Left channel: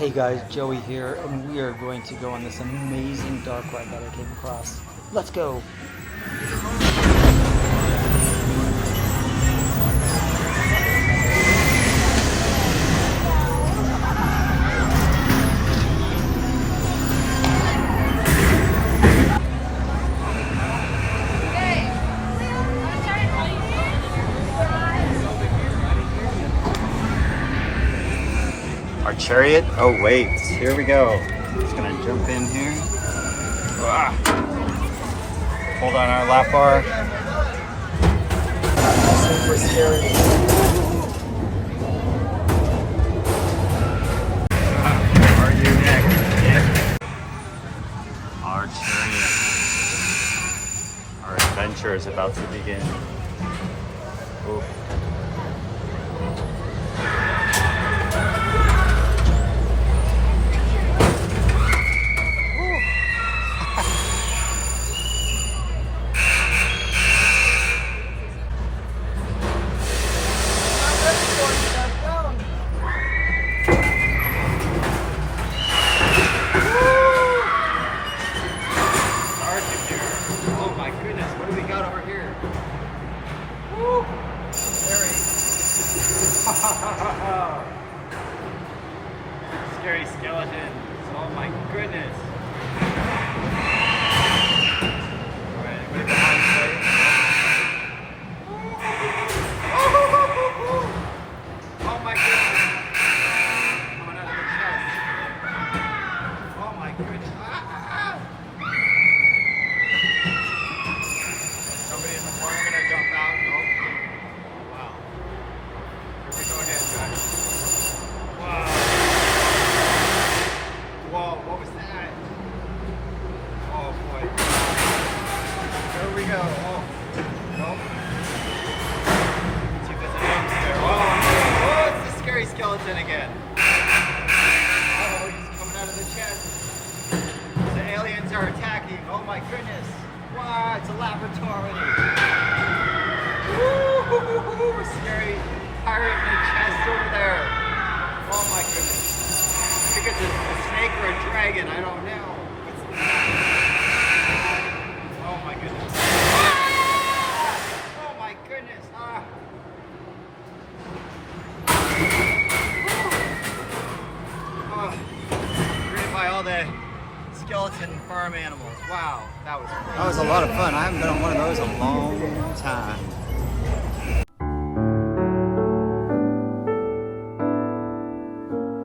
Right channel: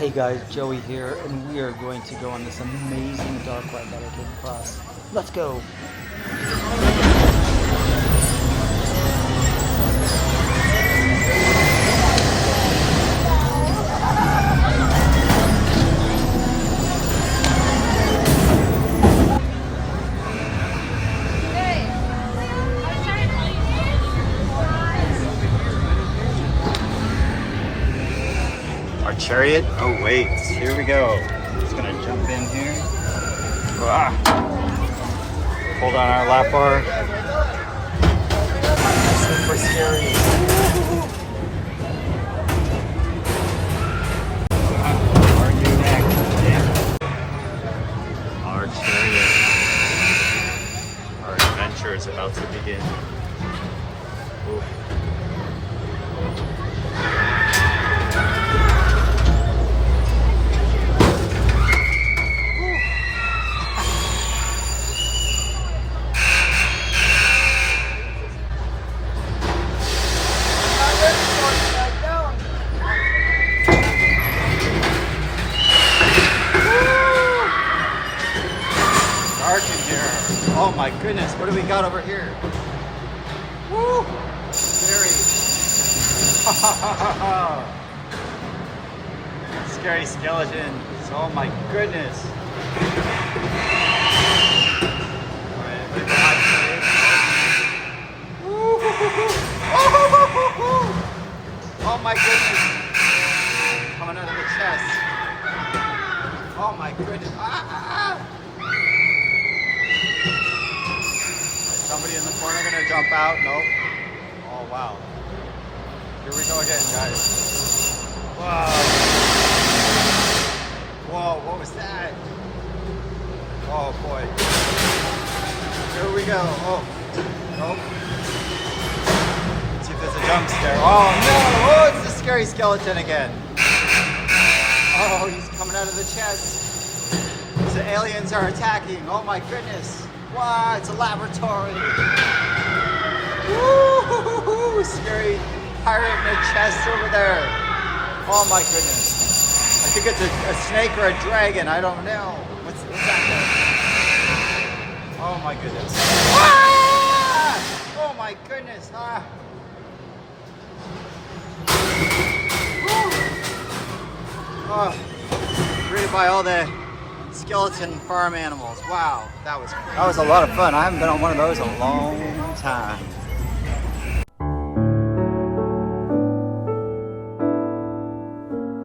Hey guys, Joey here, and we are going to go on this amazing dark ride that I came across. Let's go! Our chariot. Oh wait, here we go. Just gonna jump in here. Ah. Hold on our lap bar. Super scary. Are you next? Our chariot. Our adventure is about to begin. Ooh. Oh my goodness, what do we got over here? Woo! Scary. Scary skeletons. Oh my goodness. Alright, leave the hot Oh my goodness. Coming out of the chest. Oh my goodness. Somebody in the corner gonna jump out? Nope. Oh wow. Here we go again, guys. Wow. Whoa, what was that? Oh boy. Here we go. Oh. Nope. Let's see if there's a jump scare. Oh no! Oh, it's the scary skeleton again. Oh, he's coming out of the chest. The aliens are attacking. Oh my goodness. Wow, it's a laboratory. Woo! Scary pirate in a chest over there. Oh my goodness. I think it's a snake or a dragon. I don't know. What's that? Oh my goodness. Ah! Oh my goodness. Ah. Oh. Greeted by all the skeleton farm animals. Wow, that was crazy. That was a lot of fun. I haven't been on one of those in a long time.